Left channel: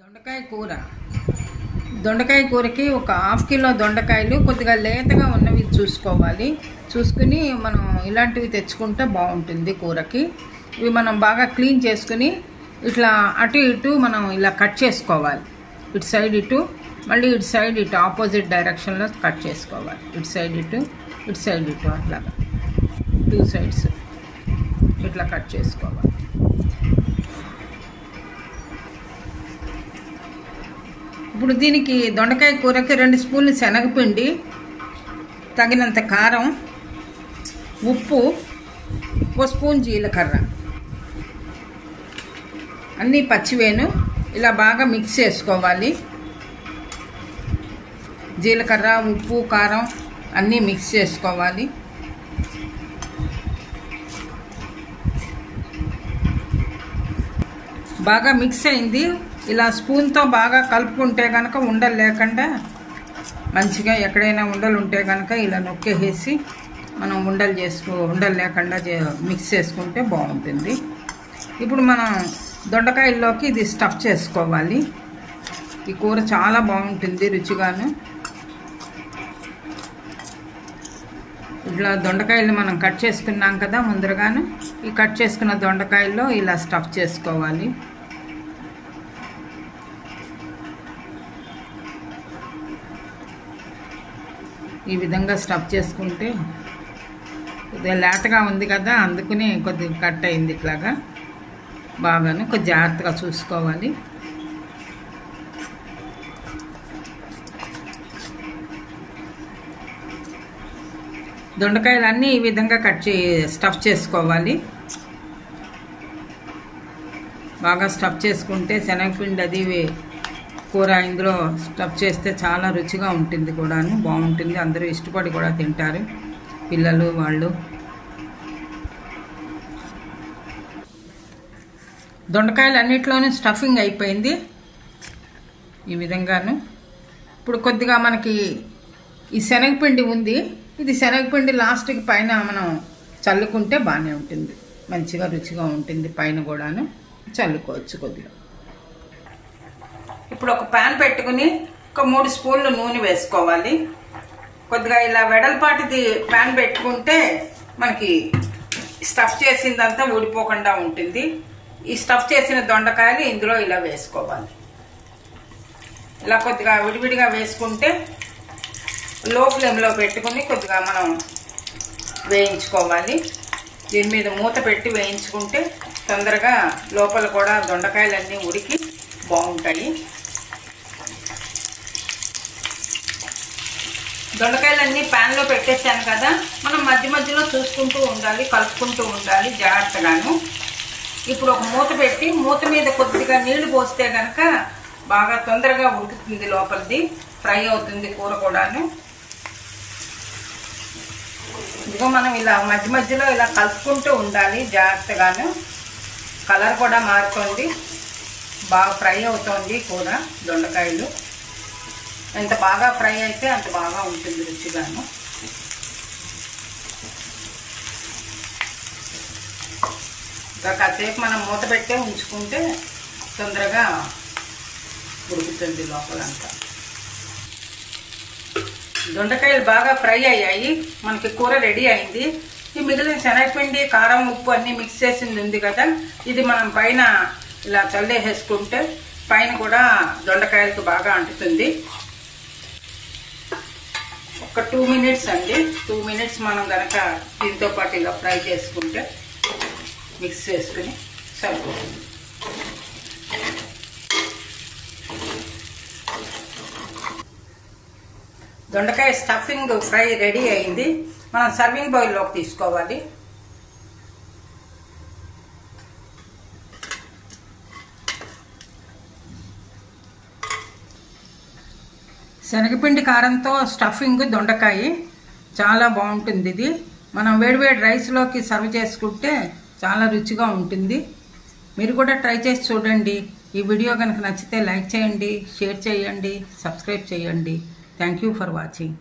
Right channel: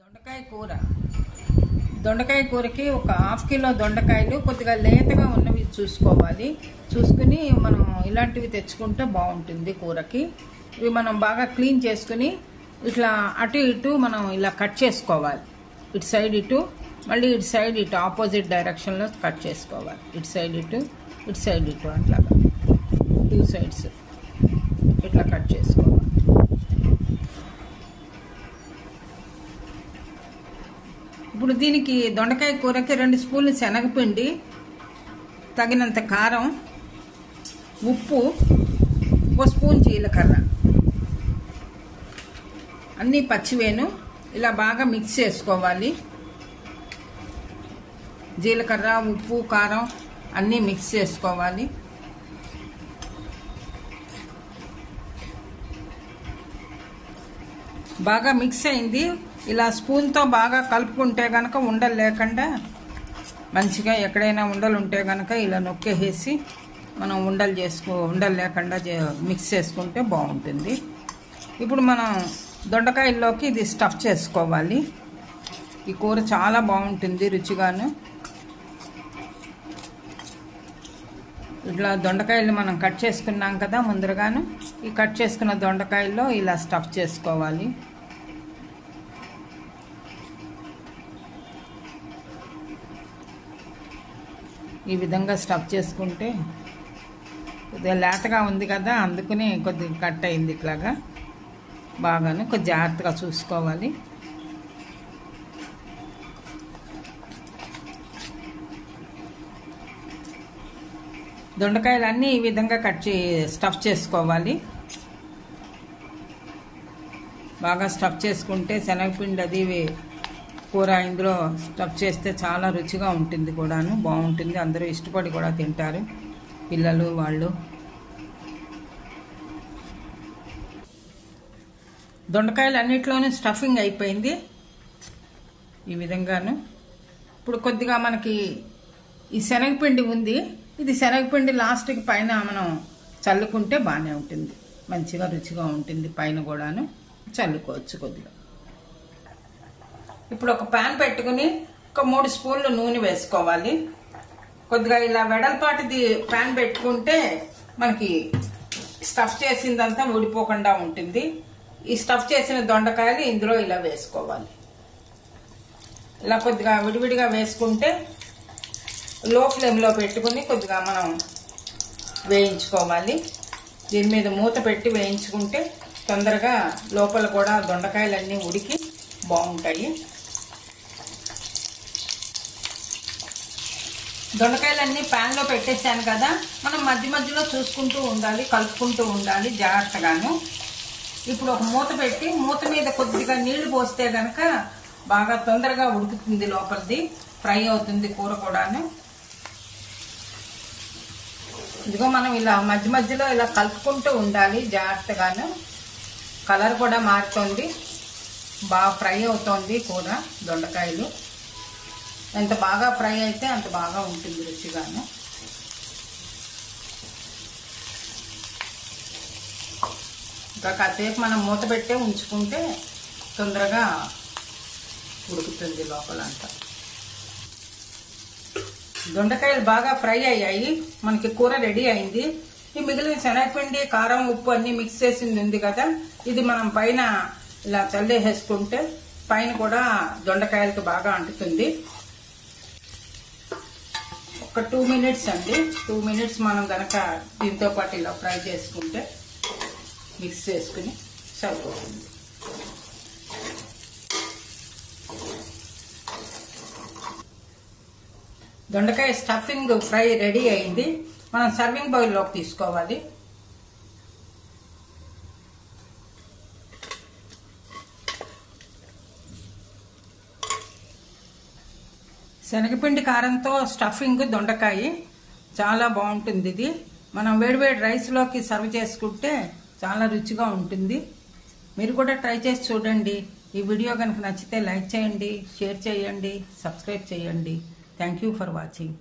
దొండకాయ కూర. దొండకాయ కూరకి ఒక హాఫ్ కిలో దొండకాయలు కొద్దిగా లేతగా ఉన్నవి చూసుకోవాలి. చూసుకుని మనం ఇలాంటివి తెచ్చుకుంటే బాగుంటుంది కూరకి. ఇవి మనం బాగా క్లీన్ చేసుకుని ఇట్లా అటు ఇటు మనం ఇలా కట్ చేసుకోవాలి. ఇటు సైడ్ ఇటు, మళ్ళీ ఇటు సైడ్ ఇటు ఆపోజిట్ డైరెక్షన్లో కట్ చేసుకోవాలి. ఇటు సైడ్ ఇటు, ఇటు సైడ్ ఇటు, అట్లా 2 సైడ్స్ ఇట్లా కట్ చేసుకోవాలి. ఇప్పుడు దీనికి దొండకాయ కూరకి 2 స్పూన్లు శనగపిండి, తగినంత కారం, ఉప్పు, 1 స్పూన్ జీలకర్ర, అన్నీ పచ్చివేను ఇలా బాగా మిక్స్ చేసుకోవాలి. జీలకర్ర, ఉప్పు, కారం అన్నీ మిక్స్ చేసుకోవాలి. బాగా మిక్స్ అయింది. ఇలా స్పూన్తో బాగా కలుపుకుంటే కనుక ఉండలు లేకుండా మంచిగా, ఎక్కడైనా ఉండలు ఉంటే కనుక ఇలా నొక్కేసి మనం ఉండలు లేకుండా మిక్స్ చేసుకుంటే బాగుంటుంది. ఇప్పుడు మనం దొండకాయల్లోకి ఇది స్టఫ్ చేసుకోవాలి. ఈ కూర చాలా బాగుంటుంది రుచిగాను. ఇట్లా దొండకాయలు మనం కట్ చేసుకున్నాం కదా ముందరగాను, ఈ కట్ చేసుకున్న దొండకాయల్లో ఇలా స్టఫ్ చేసుకోవాలి. ఈ విధంగా స్టఫ్ చేసుకుంటే, కొద్దిగా లేతగా ఉంది కదా అందుకని కొద్దిగా కట్ అయింది. ఇట్లాగా బాగాను కొద్దిగా జాగ్రత్తగా చూసుకోవాలి. దొండకాయలన్నీ ఈ విధంగా స్టఫ్ చేసుకోవాలి. బాగా స్టఫ్ చేసుకుంటే శనగపిండి అది కూర ఇందులో స్టఫ్ చేస్తే చాలా రుచిగా ఉంటుంది కూడాను, బాగుంటుంది. అందరూ ఇష్టపడి కూడా తింటారు, పిల్లలు వాళ్ళు. దొండకాయలు అన్నిట్లోనూ స్టఫింగ్ అయిపోయింది ఈ విధంగాను. ఇప్పుడు కొద్దిగా మనకి ఈ శనగపిండి ఉంది, ఇది శనగపిండి లాస్ట్కి పైన మనం చల్లుకుంటే బాగానే ఉంటుంది, మంచిగా రుచిగా ఉంటుంది. పైన కూడాను చల్లుకోవచ్చు కొద్దిగా. ఇప్పుడు ఒక ప్యాన్ పెట్టుకుని ఒక 3 స్పూన్లు నూనె వేసుకోవాలి. కొద్దిగా ఇలా వెడల్పాటిది ప్యాన్ పెట్టుకుంటే మనకి స్టఫ్ చేసిందంతా ఊడిపోకుండా ఉంటుంది. ఈ స్టఫ్ చేసిన దొండకాయలు ఇందులో ఇలా వేసుకోవాలి. ఇలా కొద్దిగా విడివిడిగా వేసుకుంటే లో ఫ్లేమ్లో పెట్టుకుని కొద్దిగా మనం వేయించుకోవాలి. దీని మీద మూత పెట్టి వేయించుకుంటే తొందరగా లోపల కూడా దొండకాయలన్నీ ఉడికి బాగుంటాయి. దొండకాయలన్నీ ప్యాన్లో పెట్టేసాను కదా, మనం మధ్య మధ్యలో చూసుకుంటూ ఉండాలి, కలుపుకుంటూ ఉండాలి జాగ్రత్తగాను. ఇప్పుడు ఒక మూత పెట్టి మూత మీద కొద్దిగా నీళ్లు పోస్తే కనుక బాగా తొందరగా ఉడుకుతుంది, లోపలిది ఫ్రై అవుతుంది కూర కూడాను. ఇంకా మనం ఇలా మధ్య మధ్యలో ఇలా కలుపుకుంటూ ఉండాలి జాగ్రత్తగాను. కలర్ కూడా మారుతోంది, బాగా ఫ్రై అవుతోంది కూర. దొండకాయలు ఎంత బాగా ఫ్రై అయితే అంత బాగా ఉంటుంది రుచిగాను. ఇంకా కాసేపు మనం మూత పెట్టే ఉంచుకుంటే తొందరగా ఉడుకుతుంది లోపలంతా. దొండకాయలు బాగా ఫ్రై అయ్యాయి, మనకి కూర రెడీ అయింది. ఈ మిగిలిన శనగపిండి, కారం, ఉప్పు అన్నీ మిక్స్ చేసింది ఉంది కదా, ఇది మనం పైన ఇలా చల్లేసేసుకుంటే పైన కూడా దొండకాయలకు బాగా అంటుతుంది. ఒక 2 మినిట్స్ అండి, 2 మినిట్స్ మనం కనుక దీంతో పాటు ఇలా ఫ్రై చేసుకుంటే మిక్స్ చేసుకుని సరిపోతుంది. దొండకాయ స్టఫింగ్ ఫ్రై రెడీ అయింది. మనం సర్వింగ్ బౌల్లోకి తీసుకోవాలి. శనగపిండి కారంతో స్టఫింగ్ దొండకాయ చాలా బాగుంటుంది. ఇది మనం వేడివేడి రైస్లోకి సర్వ్ చేసుకుంటే చాలా రుచిగా ఉంటుంది. మీరు కూడా ట్రై చేసి చూడండి. ఈ వీడియో కనుక నచ్చితే లైక్ చేయండి, షేర్ చేయండి, సబ్స్క్రైబ్ చేయండి. Thank you for watching.